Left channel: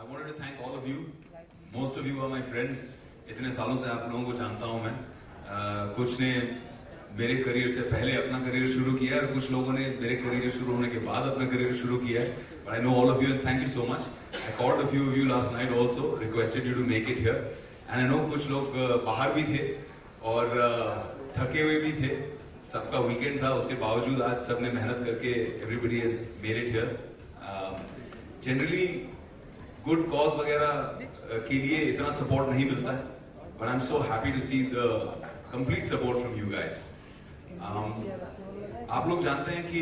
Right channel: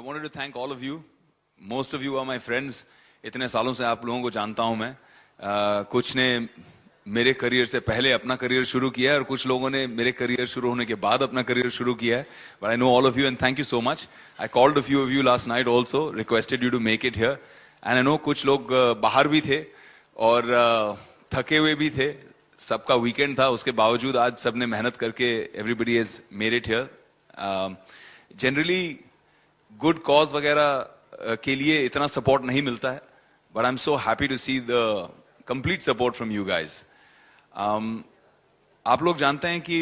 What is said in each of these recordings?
I wanted to thank all of you. Most of you are my friends. इतने सालों से आप लोगों को जानता हूं मैं. कुछ ने मेरे करियर से पहले अपना करियर शुरू किया है और कुछ लोगों ने मेरे करियर शुरू होने के बाद अपना करियर शुरू किया है. But I know all of you and thank you so much. I called a few of you last night also, requested you to make it here. And I know कुछ लोग बाहर भी थे और थके हुए भी थे. सबका वीकेंड था, उसके बावजूद आज सबने मेहनत करके everybody has made it here. Generally good cause वगैरह के लिए इतना सपोर्ट नहीं मिलता है, but I am so happy to see the complete support from you guys. आप लोग जानते हैं कि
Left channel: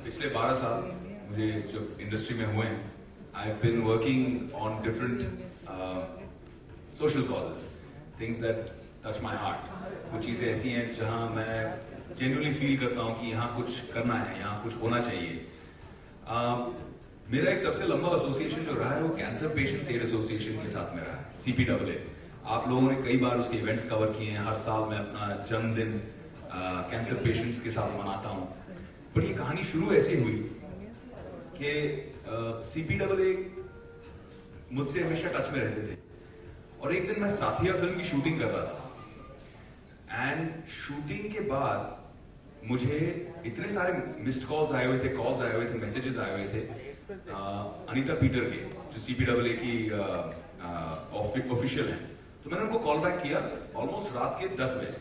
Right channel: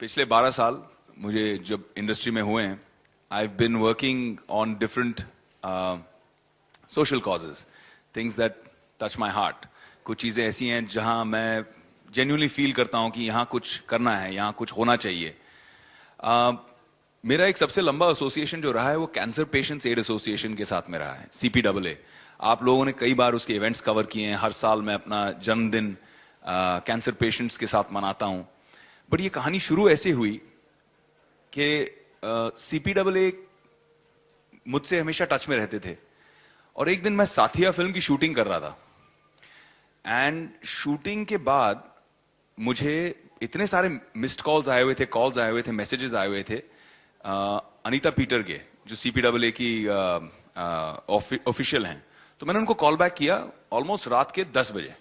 पिछले 12 साल मुझे जब इंडस्ट्री में हुए हैं, I have been working on different social causes, things that touch my heart. कुछ चीज़ें ऐसी हैं जहां मैं जेन्युइनली फील करता हूं कि यहाँ कुछ करना है, यहाँ कुछ होना चाहिए. मेरा एक सबसे लंबा एसोसिएशन जो रहा है वो कैंसर पेशेंट्स एड एसोसिएशन के साथ में रहा है, CPAA. आप लोगों ने कई बार उसके इवेंट्स कवर किए हैं. हर साल मैं अपना जन्मदिन कैंसर पेशेंट्स के साथ मनाता हूं. पर ये कहानी शुरू ऐसे हुई कि CPAA मुझसे हमेशा टच में रहते थे और एक दिन मैं साथिया फिल्म की शूटिंग कर रहा था. एंड शूटिंग के बाद मुझे इतने सारे मिस्ड कॉल्स आए हुए थे, कॉल्स आए हुए थे, मैसेजेस आए हुए थे अनीता पीटर के, जो CPAA की ऑफिशियल हैं. तो मैंने उनको कॉल बैक किया ऑलमोस्ट रात के 10 बजे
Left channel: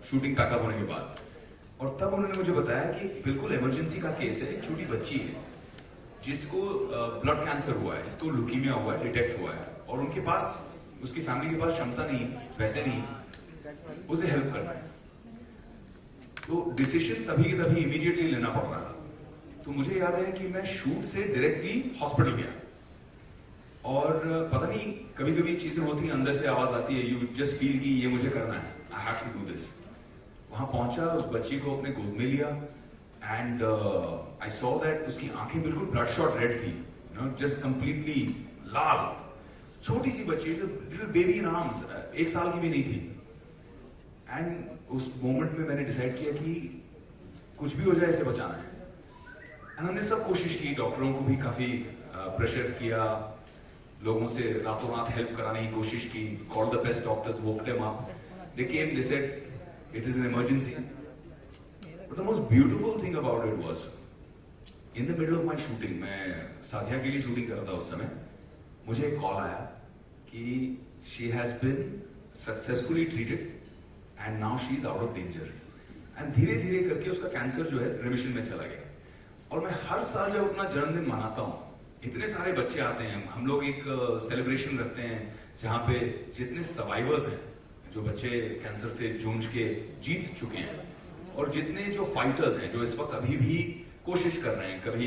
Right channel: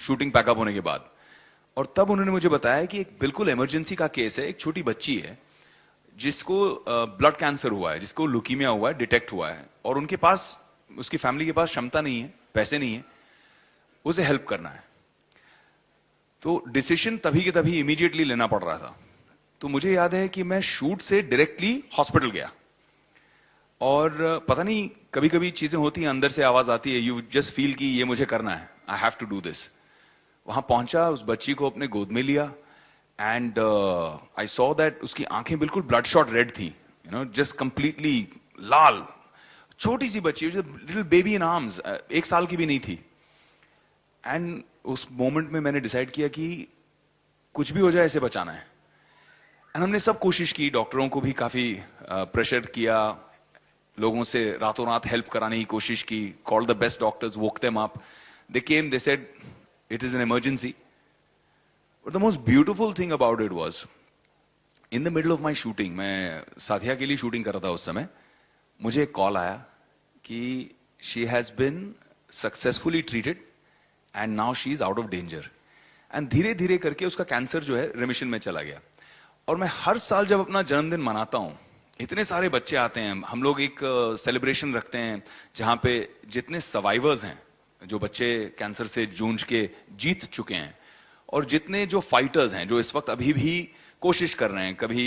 शूटिंग पैकअप होने के बाद. और तब उन्होंने मुझे बताया कि बिल्कुल इमरजेंसी का केस है. एक छोटी बच्ची है जिसको ब्लड कैंसर हुआ है, जिसको ल्यूकीमिया हुआ है, डिटेक्ट हुआ है, और उनके पास, उसकी फैमिली के पास क्षमता नहीं है, पैसे नहीं है, उसे हेल्प करना है. तो डिसीजन तभी के तभी इमीडिएटली लेना पड़ रहा था. तो मुझे याद है कि मैं शूट से डायरेक्टली हॉस्पिटल गया और पता नहीं, कभी कभी चीजें होती हैं, अंदर से आवाज आती है, यू जस्ट फील कि ये मुझे करना है, I have to do this. वहां पहुंचा, उस बच्ची को अपने गोद में लिया एंड आई सॉ दैट उसकी आंखें बिल्कुल ब्लड शॉट रेड थी, यू नो, जस्ट कंप्लीटली लाल. छोटी सी बच्ची, लिटिल बेबी इन आर्म्स, 1 साल की भी नहीं थी. एंड उस मोमेंट में मैंने डिसाइड किया कि कुछ भी हो जाए, इसे बचाना है. एंड हमने सब कोशिश की, डॉक्टरों को भी काफ़ी प्रेशर किया, लोगों से रातों रात हेल्प कराने की कोशिश की, call the best doctors, woke them up, they came, they said it is an emergency. But the most beautiful thing about it was, in the middle of my shooting, मैं साथिया के लिए शूटिंग कर रहा था उस समय, मुझे एक कॉल आया कि she has been successfully treated and now she is out of danger. And धीरे धीरे करके उसका कैंसर जो है रिमिशन में चला गया. और मैं हर साल जब अपना जन्मदिन मनाता हूँ, इतने सारे बच्चे आते हैं, हम लोग एक सेलिब्रेशन रखते हैं जहाँ पे जितने सर्वाइवर्स हैं, जो बच्चे कैंसर से जूझ के जीत चुके हैं, और जितने जो फाइटर्स हैं, जो इस वक्त अभी भी कोशिश कर रहे हैं, कभी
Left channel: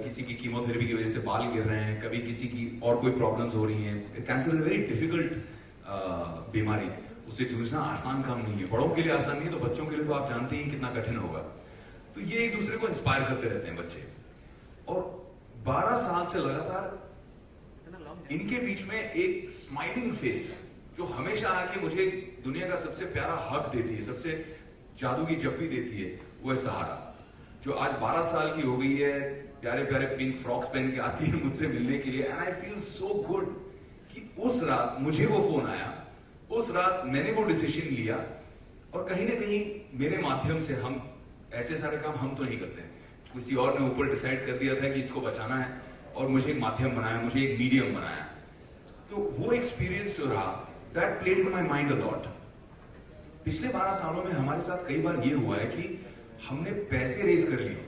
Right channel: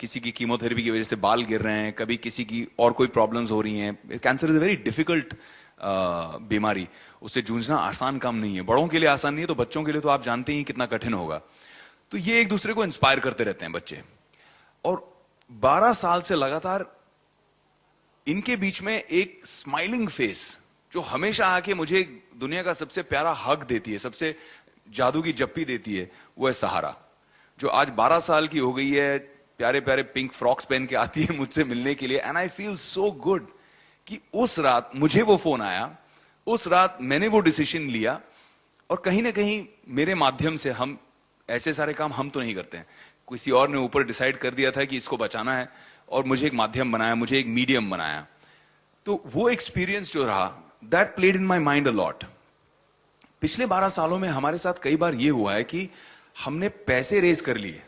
किसी की कीमोथेरेपी की वजह से बाल गिर रहे हैं, कभी किसी की और कोई प्रॉब्लम्स हो रही हैं. Cancer is a very difficult बीमारी, उससे जूझना आसान काम नहीं है. बड़ों के लिए आसान नहीं है, तो बच्चों के लिए तो आप जानते ही कितना कठिन होगा. तो ये एक दूसरे को इंस्पायर करते रहते हैं बच्चे. और 12 साल से लगातार इनके बीच में एक स्माइलिंग फेस जो हमेशा आके मुझे दुनिया का सबसे प्यारा हक देती है, सबसे जादू की जप्पी देती है, वो है सहारा, जो आज 12 साल की हो गई है, प्यारे प्यारे पिंक फ्रॉक्स पहन के आती है मुझसे मिलने के लिए. And I feel so good कि उस रात मुझे वो फोन आया, उस रात मैंने वो डिसीजन लिया, और कहीं ना कहीं मेरे माध्यम से, हम ऐसे सारे काम हम तो नहीं करते हैं, किसी और ने ऊपर डिसाइड कर दिया था कि इसको बचाना है, और मुझे एक माध्यम बनाया, मुझे एक मीडियम बनाया. तो वो एक्सपीरियंस जो रहा, that played in my mind a lot. पिछले 12 सालों में हमारे साथ कई बार ये हुआ है कि हमने पैसे रेज कर लिए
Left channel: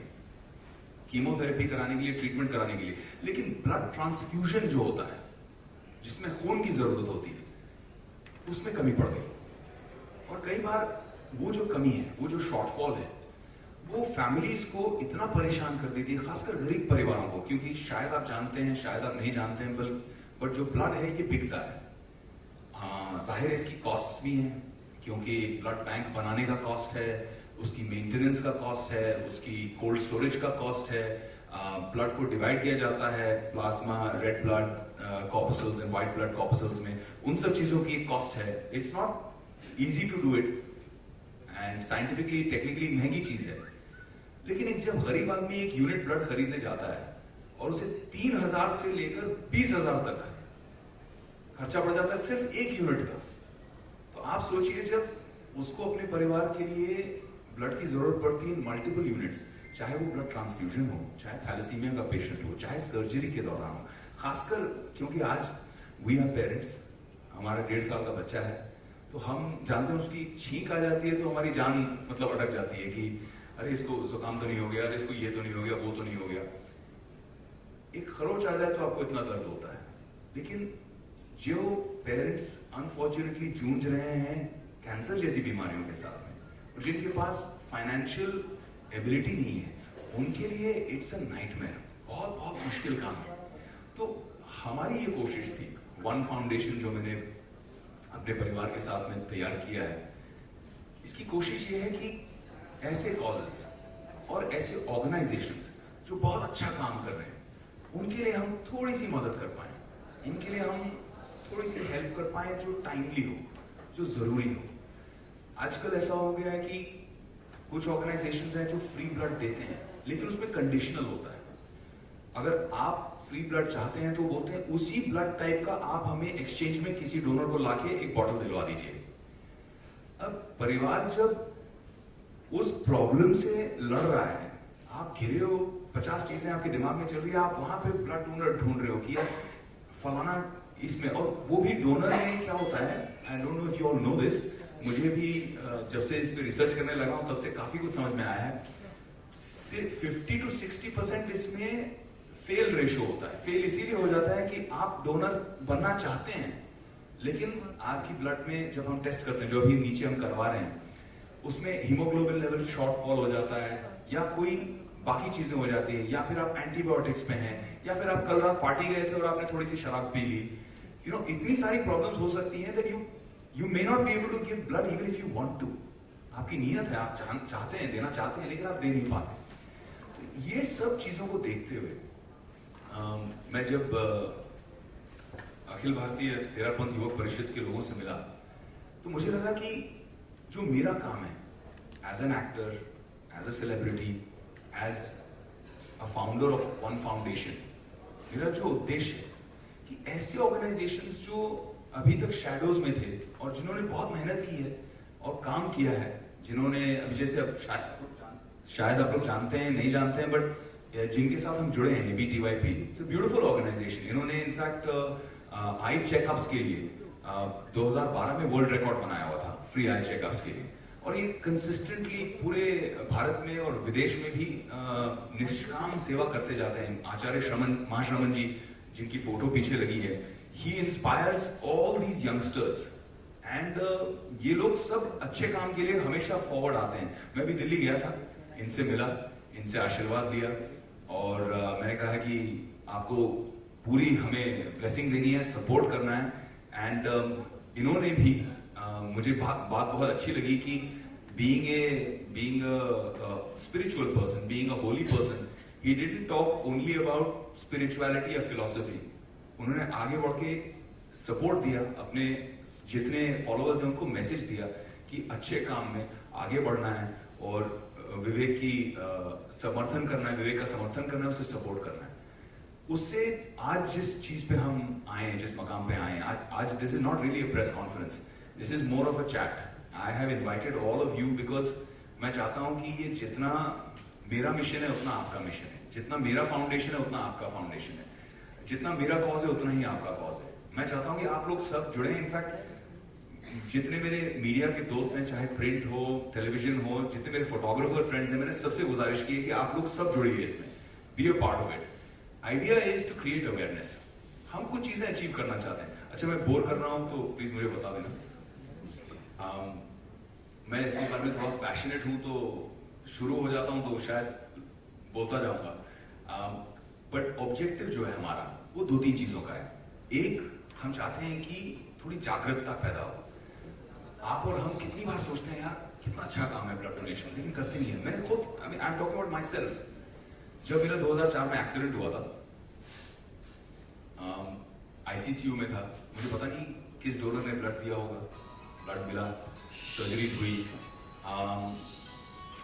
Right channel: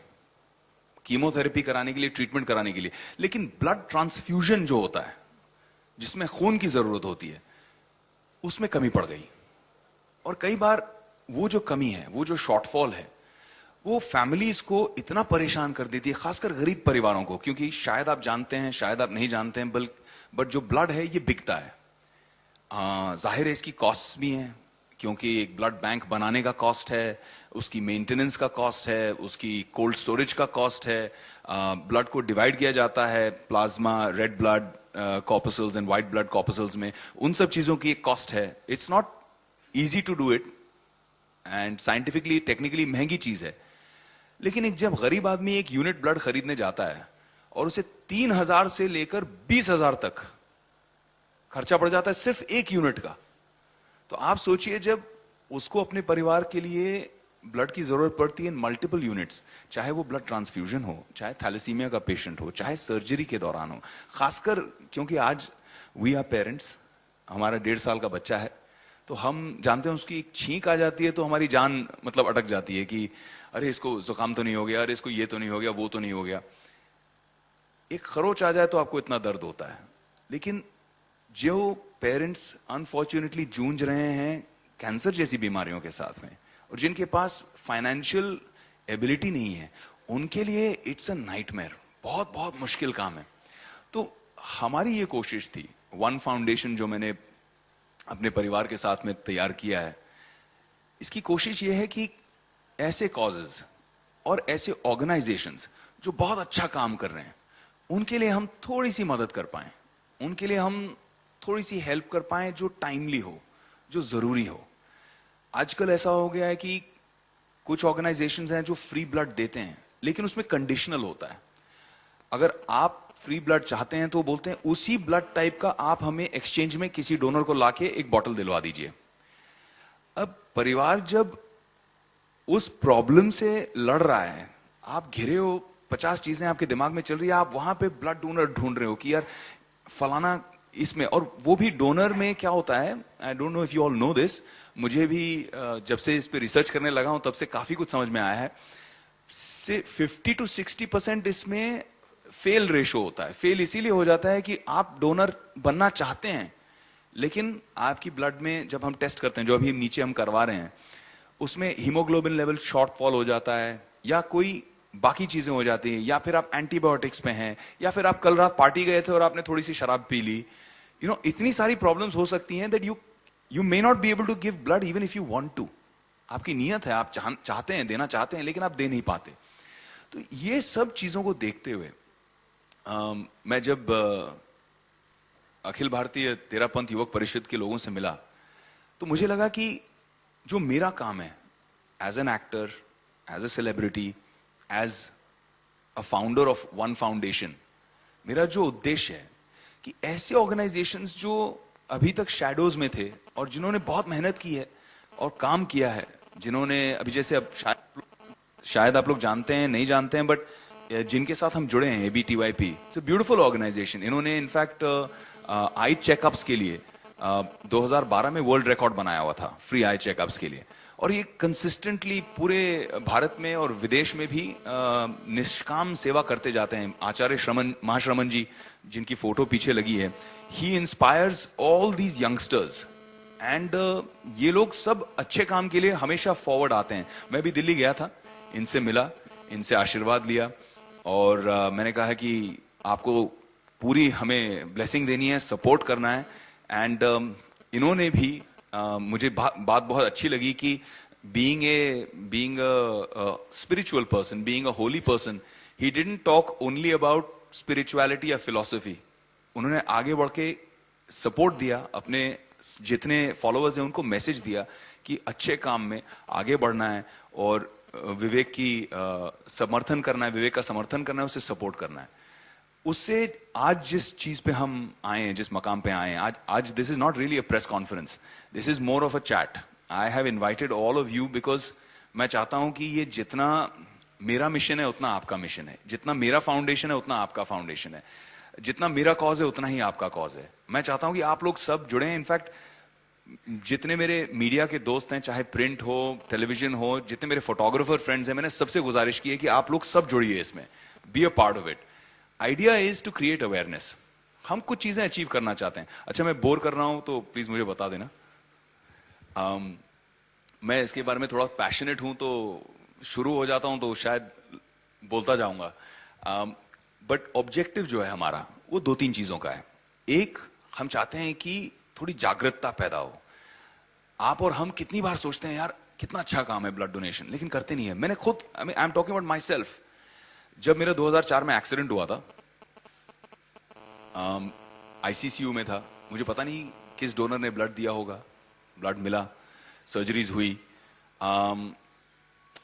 कीमोथेरेपी कराने के लिए, ट्रीटमेंट कराने के लिए, लेकिन ब्लड ट्रांसफ्यूजन जो होता है, जिसमें खून की जरूरत होती है, उसमें कमी पड़ गई. और कई बार वो जो कमी है, वो जो शॉर्टफॉल है, वो फैमिलीज को इतना परेशान कर देती है, खासकर गरीब परिवारों को, क्योंकि शायद आप जानते हैं, शायद आप नहीं जानते हैं, बट जो ब्लड है ये बिकता है. जाहिर है इसकी कॉस्ट भी हैं, क्योंकि एक ब्लड बैंक बनाने का कॉस्ट है, उसकी मेंटेनेंस का कॉस्ट है, उसकी कोल्ड स्टोरेज का कॉस्ट है, ब्लड को डिवाइड किया जाता है plasma, red blood corpuscles and white blood corpuscles में, उन सब चीज़ों की एक कॉस्ट है. It's not easy to do it, and scientifically technically महंगी चीज़ है. लेकिन एक जब गरीब आदमी एक यूनिट ब्लड खरीदने जाता है और उसे 3,000 से लेकर 20,000 तक खर्चा पड़ जाता है सिर्फ एक यूनिट का। तो आप सोचिए जब उसको अपने परिवार के लिए ब्लड की जरूरत पड़ती है मल्टीपल यूनिट्स, चाहे वो ब्लड ट्रांसफ्यूजन हो, चाहे थैलेसीमिया का पेशेंट हो, चाहे सर्जरी के दौरान हो, खासकर क्योंकि आज वी आर पेरेंट्स, हमारा 1.5 साल का बच्चा है, तो हम जानते हैं उसकी छींक आ जाती है तो हमारी जान मतलब अटक जाती है कि अरे इसको जुकाम तो नहीं हो गया, अरे इसको ये तो नहीं हो गया, वो तो नहीं हो गया। एक खरोच आ जाए तो आपको इतना दर्द होता है। लेकिन जो पेरेंट्स अनफॉर्चुनेटली जूझ रहे हैं कैंसर जैसी बीमारियों के साथ में और जिनके पास फाइनेंशियल एबिलिटी नहीं है, उनके लिए इट्स अ नाइटमेयर, बहुत बहुत मुश्किल काम है। तो हमारी ये कोशिश थी, वन फाउंडेशन जो मैंने अपने परिवार के साथ में तैयार किया है, इसकी कोशिश ये है कि ऐसे कॉजेज और ऐसे ऑर्गेनाइजेशंस जो बहुत अच्छा काम कर रहे हैं उनके लिए हम थोड़ी सी मदद कर पाएं, उनके लिए हम थोड़ी सी हेल्प कर पाएं जो टाइमली हो, जो ज़रूरी हो। आजकल ऐसा हो गया है कि कुछ ऑर्गेनाइजेशंस हैं जो फ्री ब्लड देते हैं लेकिन उसमें कंडीशनल होता है। अगर आप फ्री ब्लड चाहते हैं तो बोलते हैं उसी ब्लड टाइप का आप हमें एक्सचेंज में किसी डोनर को लाके एक बॉटल दिलवा दीजिए। अब परिवार जब उस प्रॉब्लम से लड़ रहा है, आप घिरे हो, 50 चीजें आपके दिमाग में चल रही है, आप वहां पे ब्लड डोनर ढूंढ रहे हो कि यार फलाना इसमें, और वो भी डोनर में क्या होता है, I don't know if you all know this, मुझे भी जब से इस पे रिसर्च करने लगा हूं तब से काफी कुछ समझ में आया है। से 50 to 60% इसमें फेल रेशो होता है। फेल इसीलिए हो जाता है कि आप डोनर बनना चाहते हैं लेकिन आपकी ब्लड में जब हम टेस्ट करते हैं, जो अभी नीचे हम करवा रहे हैं, उसमें हीमोग्लोबिन लेवल शॉर्टफॉल हो जाता है या कोई बाकी चीजें हो जाती हैं, या फिर आप एंटीबायोटिक्स में हैं, या फिर आप कल रात पार्टी गए थे और आपने थोड़ी सी शराब पी ली, इतनी सारी प्रॉब्लम्स हो सकती हैं that you may not be able to give blood even if you want to. आपकी नीयत है, आप चाहते हैं, देना चाहते हैं, लेकिन आप दे नहीं पाते। तो ये सब चीजों को देखते हुए मैं जब अखिल भारतीय तेरापंथ युवक परिषद के लोगों से मिला तो मुझे लगा कि जो मेरा काम है as an actor, as a celebrity, as a founder of one foundation, मेरा जो उद्देश्य है कि ऐसे ऑर्गेनाइजेशंस जो अभी तक शैडोज में थे और जिन्होंने बहुत मेहनत की है और काम किया है, जिन्होंने अभी जैसे अब शायद आप लोग जानते हैं, नहीं जानते हैं, बट जिनके साथ हम जुड़े हैं, ABTYP, it's a beautiful organisation. इन्होंने इनफैक्ट आई चेकअप्स के लिए 2012 में वर्ल्ड रिकॉर्ड बनाया हुआ था, फ्री आई चेकअप्स के लिए, और ये कंसिस्टेंटली पूरे भारत में और विदेश में भी निष्काम सेवा करते जाते हैं। आचार्य श्रमण, महाश्रमण जी, जिनकी फोटो पीछे लगी है, he inspires all these youngsters and ये लोग सब अच्छे काम के लिए हमेशा फॉरवर्ड आते हैं। मैं भी दिल्ली गया था, इनसे मिला, इनसे आशीर्वाद लिया और मैंने कहा कि आपको पूरी हमें ब्लेसिंग देनी है, सपोर्ट करना है। एंड इन्होंने भी मुझे बात बहुत अच्छी लगी कि being a spiritual person, being a holy person, he didn't talk only about spirituality or philosophy. उन्होंने आगे बढ़ के सपोर्ट दिया, अपने जितने फॉलोअर्स हैं उनको मैसेज दिया कि अच्छे काम में आगे बढ़ना है और विवेक की समर्थन करना है, विवेक का समर्थन करना है, उसे सपोर्ट करना है। उससे आज जिस चीज पे हम आए हैं, जिस मकाम पे आए हैं, आज this is not really a press conference, this is more of a chat. I have invited all of you because मैं चाहता हूं कि ये जितना मेरा मिशन है उतना आपका मिशन है, जितना मेरा फाउंडेशन है उतना आपका फाउंडेशन है, जितना मेरा कॉज है उतना ही आपका कॉज है। मैं चाहता हूं कि आप लोग सब जुड़े हैं। इनफैक्ट जितने मेरे मीडिया के दोस्त हैं, चाहे प्रिंट हो, टेलीविजन हो, जितने मेरे फोटोग्राफर फ्रेंड्स हैं, मैंने सबसे गुजारिश की है कि आप लोग सब जुड़िए इसमें, be a part of it. Idea is to create awareness. हम कुछ चीजें अचीव करना चाहते हैं। अच्छा, मैं बोर कर रहा हूं तो प्लीज मुझे बता देना। मैं इसके बारे में थोड़ा पैशनेट हूं तो शुरू हो जाता हूं तो शायद बोलता जाऊंगा। बट ऑब्जेक्टिव जो है हमारा वो 2-3 चीजों का है। एक, हम चाहते हैं कि थोड़ी जागरूकता पैदा हो। आप और हम कितनी बार सोचते हैं यार कितना अच्छा काम है ब्लड डोनेशन, लेकिन करते नहीं है। मैंने खुद, I am talking about my self, जब मेरा 2004 में एक्सीडेंट हुआ था, ICCU में था, मुझे पता नहीं किस डोनर ने ब्लड दिया होगा, ब्लड मिला, सर्जरीज हुई।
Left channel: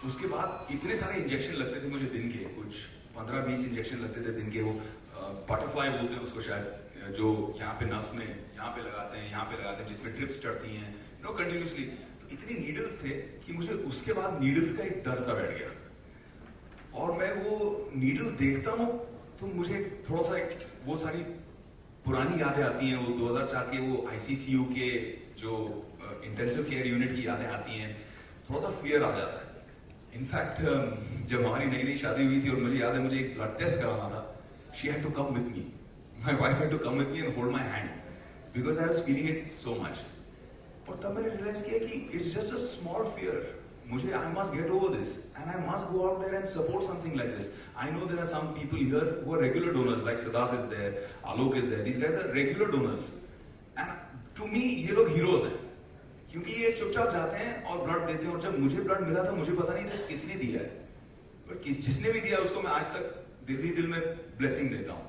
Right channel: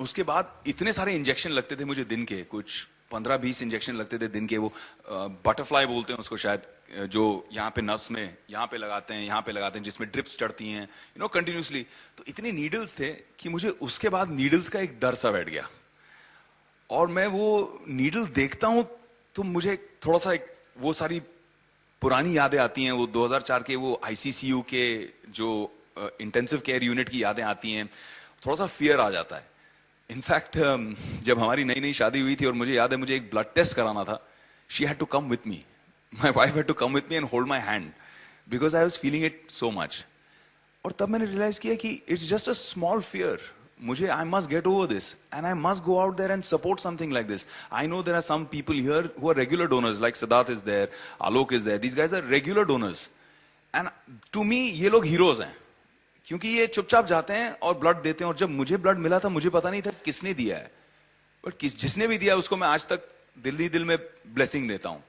उसके बाद इतने सारे इंजेक्शन लगते थे मुझे दिन के, कुछ 15-20 इंजेक्शन लगते थे दिन के, वो बटरफ्लाई बोलते हैं उसको शायद, जो यहाँ पे नर्व्स में यहाँ पे लगाते हैं, यहाँ पे लगाते हैं, जिसमें ट्रिप्स चढ़ती हैं कंटिन्यूसली। तो इतने नीडल्स थे कि मुझे उसके बाद नीडल्स का एक डर सा बैठ गया, और मैं वो नीडल देखता हूँ तो मुझे थोड़ा सा वो सारी पुरानी यादें आती हैं, वो 2004 के वो आईसीसीयू के जो इंटेंसिव केयर यूनिट की यादें आती हैं, थोड़ा सा फियर आ जाता है। इनफैक्ट जब हमारी नई नई शादी हुई थी और मुझे याद है मुझे एक ब्लड टेस्ट कराना था, she had to come with me, my wife had to come with me and hold my hand because I was feeling it so much. और तब मैंने रियलाइज किया कि it's just a small fear, मुझे I must get over this and I must go out there and support something like this. I know there are some people here who are regular donors, like Siddharth is there, Alok is there, these guys are regular donors and to me ये लोग heroes हैं, क्योंकि ये चुपचाप जाते हैं और blood देते हैं। और जब मुझे ब्लड मिला था मुझे पता नहीं था किसने दिया है, बट जिसने भी दिया उसको मैं आज तक दिल में ब्लेसिंग देता हूँ।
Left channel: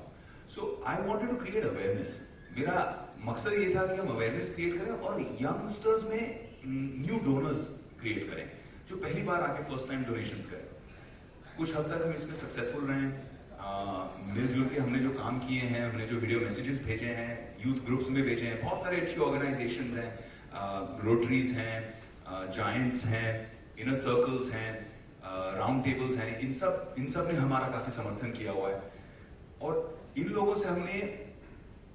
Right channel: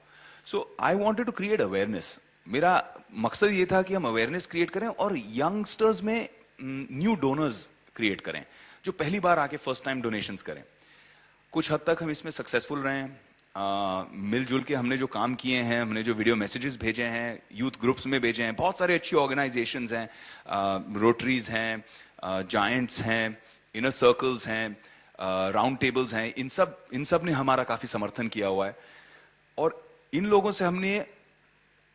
So I wanted to create awareness. मेरा मकसद ये था कि हम अवेयरनेस क्रिएट करें और यंगस्टर्स में न्यू डोनर्स क्रिएट करें जो पहली बार आके फर्स्ट टाइम डोनेशंस करें। कुछ हद तक हम इसमें सक्सेसफुल रहे हैं। मिलजुल के हमने जो काम किए हैं, हमने जो वीडियो मैसेजेस भेजे हैं, यूथ ग्रुप्स में भेजे हैं, बहुत सारे अच्छी ऑर्गेनाइजेशंस हैं, रोटरीज हैं, जायंट्स हैं, इनर सर्कल्स हैं, राउंड टेबल्स हैं, इन सब ने हमारा काफ़ी समर्थन किया हुआ है। और इन लोगों से हमने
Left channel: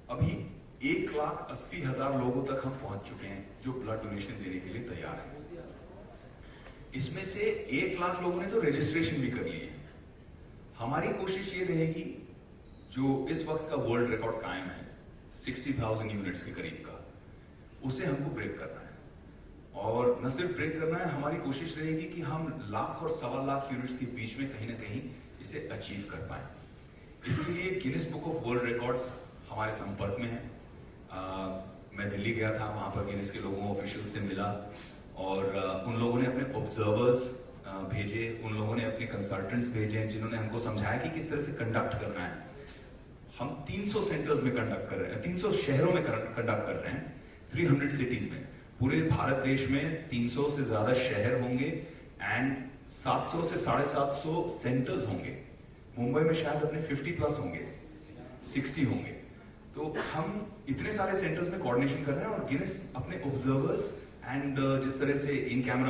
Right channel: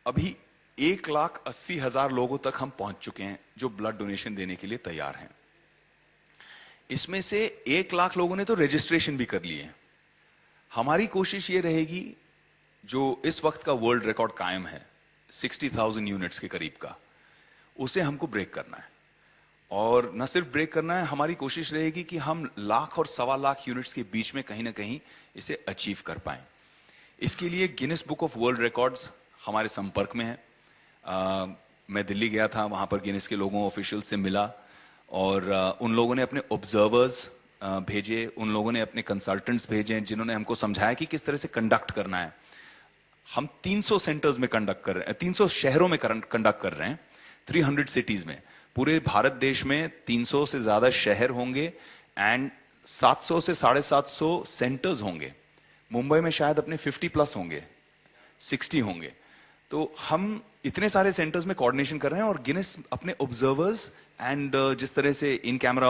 अभी 1,80,000 लोगों तक हम पहुंच चुके हैं जो ब्लड डोनेशन देने के लिए तैयार हैं। इसमें से 1 लाख लोगों ने तो रजिस्ट्रेशन भी कर लिए। हमारी कोशिश ये रहेगी, जो इस वक्त का वर्ल्ड रिकॉर्ड कायम है 60,000 यूनिट्स के करीब का, उसे हमको ब्रेक करना है। और न सिर्फ ब्रेक करना है, हमारी कोशिश रहेगी कि हम लाख और 1.25 लाख यूनिट्स के बीच में कहीं ना कहीं इसे अचीव कर पाएं। इसके लिए Guinness book of world records हमारे संपर्क में है। मैं दिल्ली गया था, वहाँ पर गिनीज के लोगों ऑफिशियल से मिला, और उन लोगों ने अपने ऑब्जर्वर्स भेजे, उन लोगों ने अपने कंसल्टेंट्स भेजे जिन्होंने हमको समझाया कि किस तरह से कंडक्ट करना है। हम 300 सेंटर्स में कंडक्ट कर रहे हैं, 300 शहरों में कंडक्ट कर रहे हैं, 300 सिटीज में। पूरे भारत देश में 300 से ज़्यादा शहर होंगे एंड 700 से 750 सेंटर्स होंगे। मुंबई में शायद अपने 50+ होंगे, 60 होंगे। तो हम इतने सारे सेंटर्स में कोऑर्डिनेशन कर रहे हैं, और गिनीज अपने ऑब्जर्वर्स एंड जिस तरह से इन camera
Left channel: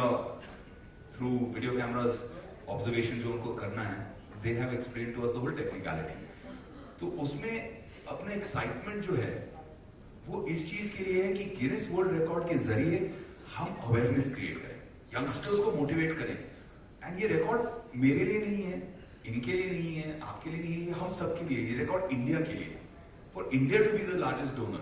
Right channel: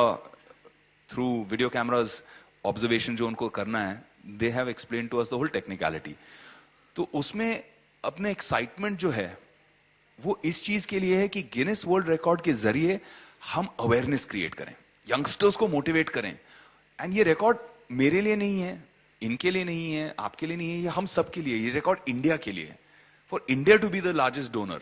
through video cameras observation जो उनको करना है, they have explain to us the whole technicality. तो उसमें अपने एक्साइटमेंट जो है वो इस चीज के लिए है कि गिनीज वर्ल्ड रिकॉर्ड के जरिए हम अवेयरनेस क्रिएट करें, यंगस्टर्स को मोटिवेट करें। एंड ये रिकॉर्ड मेरे लिए नहीं है, इनके लिए नहीं है, आपके लिए नहीं है, ये हम सब के लिए। ये रिकॉर्ड इंडिया के लिए, for India to be the largest donor,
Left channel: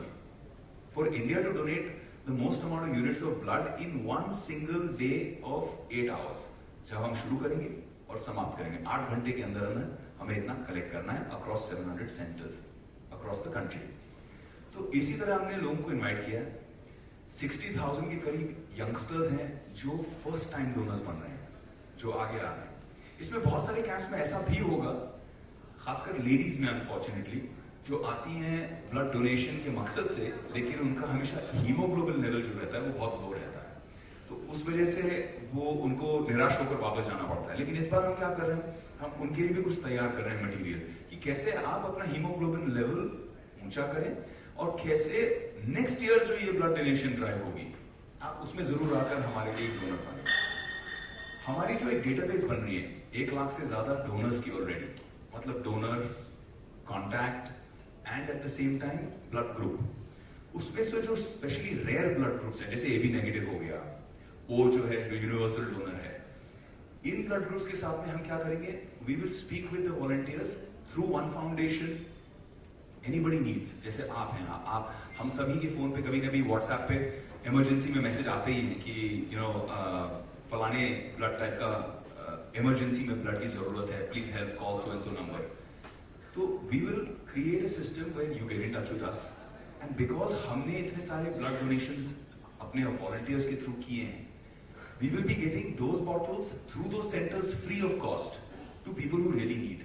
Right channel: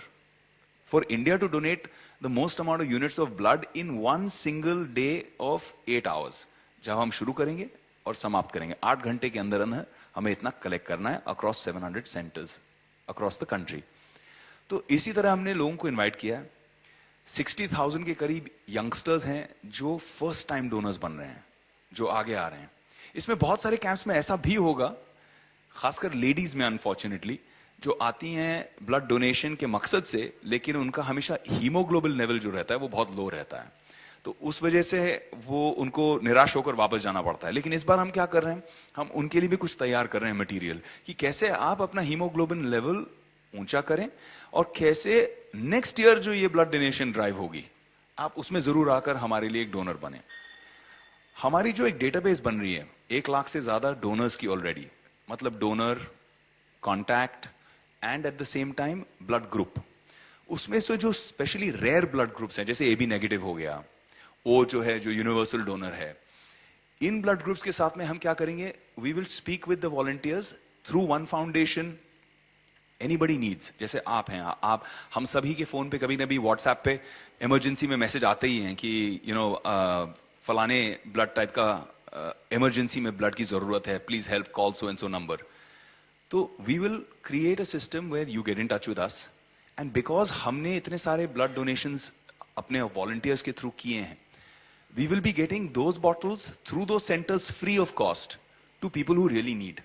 for India to donate the most amount of units of blood in one single day of 8 hours। जब हम शुरू करेंगे और समाप्त करेंगे 8 घंटे के अंदर अंदर हमें इतना कलेक्ट करना है across 700 centres across the country. तो इसी तरह हमने लोगों को इनवाइट किया। 60,000 के करीब यंगस्टर्स हैं जो फर्स्ट टाइम डोनर्स बन रहे हैं, जो आगे आ रहे हैं। इसमें बहुत सारे कैंप्स में ऐसा भी होगा, खासकर लेडीज में अनफॉर्चुनेटली, जो आती हैं ब्लड डोनेशन के मकसद से, लेकिन उनका हमेशा हीमोग्लोबिन लेवल जो रहता है वो बहुत लो रहता है, तो उस वजह से वो उनको निराश होकर वापस जाना पड़ता है। लेकिन इस बार हम क्या कर रहे हैं, हम उनके लिए भी कुछ तैयार कर रहे हैं मटेरियल, कि कैसे आप अपना हीमोग्लोबिन लेवल ऊंचा करें, और कैसे नेक्स्ट ईयर जो ये ब्लड डोनेशन ड्राइव होगी, आप उसमें जरूर आकर हमारे लिए एक डोनर बने। हमारी जो एक डेटाबेस बन रही है 1 लाख से ज्यादा डोनर्स की ऑलरेडी, मतलब donor, contact and at the same time blood group. उसमें से जो स्पेशली रेयर ब्लड ग्रुप्स हैं, जैसे AB नेगेटिव हो गया, O जो है जो यूनिवर्सल डोनर है, इन ब्लड ग्रुप्स के साथ में हम क्या करेंगे, we will speak with the volunteers through one foundation. Anybody needs, जैसे आप हैं, आप हम सभी के फोन पे कभी कभी व्हाट्सएप पे इमरजेंसी में मैसेज आते ही हैं कि फलाने ब्लड टाइप का इमरजेंसी में ब्लड की जरूरत है, please help, call so and so number. तो we will create a system where you get in touch with us, and because हमने इतने सारे ब्लड डोनेशंस अपने वॉलंटियर्स के थ्रू किए हैं, we will be getting those bottles through those centres free of cost to people who really need,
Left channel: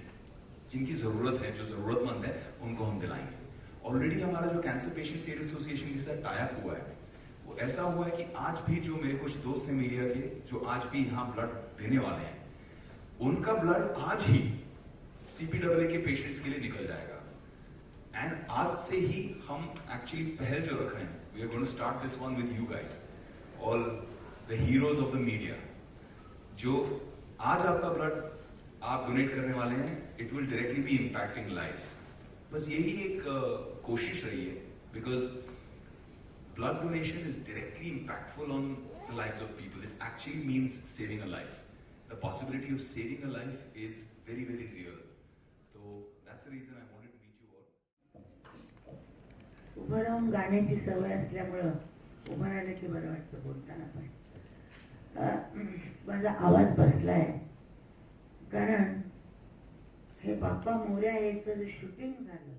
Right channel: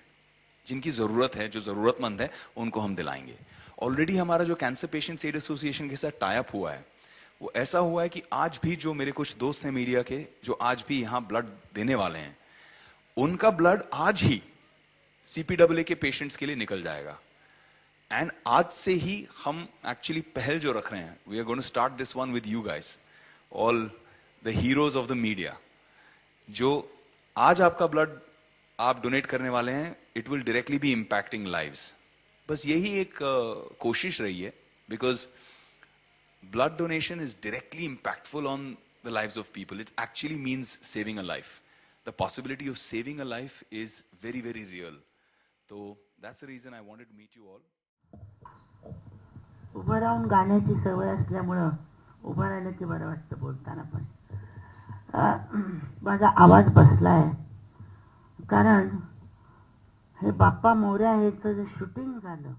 जिनकी जरूरत है, जो जरूरतमंद है, उनको हम दिलाएंगे। ऑलरेडी हमारा जो कैंसर पेशेंट्स एड एसोसिएशन के साथ टाई अप हुआ है, वो ऐसा हुआ है कि आज भी जो मेरे कुछ दोस्त हैं मीडिया के, जो आज भी यहाँ ब्लड देने वाले हैं, उनका ब्लड आज ही CPAA के पेशेंट्स के लिए निकल जाएगा. एंड आज से ही हम एक्चुअली पहल जो रख रहे हैं, we are going to start this one with you guys, all the heroes of the media. जो आज आपका ब्लड आप डोनेट करने वाले हैं, it will directly be impacting lives. बस यही एक कोशिश रही है, because blood donation is directly impactful on the lives of people. It actually means saving a life. The possibility of saving a life is very, very real. So that's the reason I wanted to meet you all. उभं राहून गाण्याची सवय असल्यामुळं उभं राहिलं की बरं वाटतं बोलताना. पण माझा आवाज बसलाय कारण हे बाप्पा मोरया याचं जे शूटिंग झालं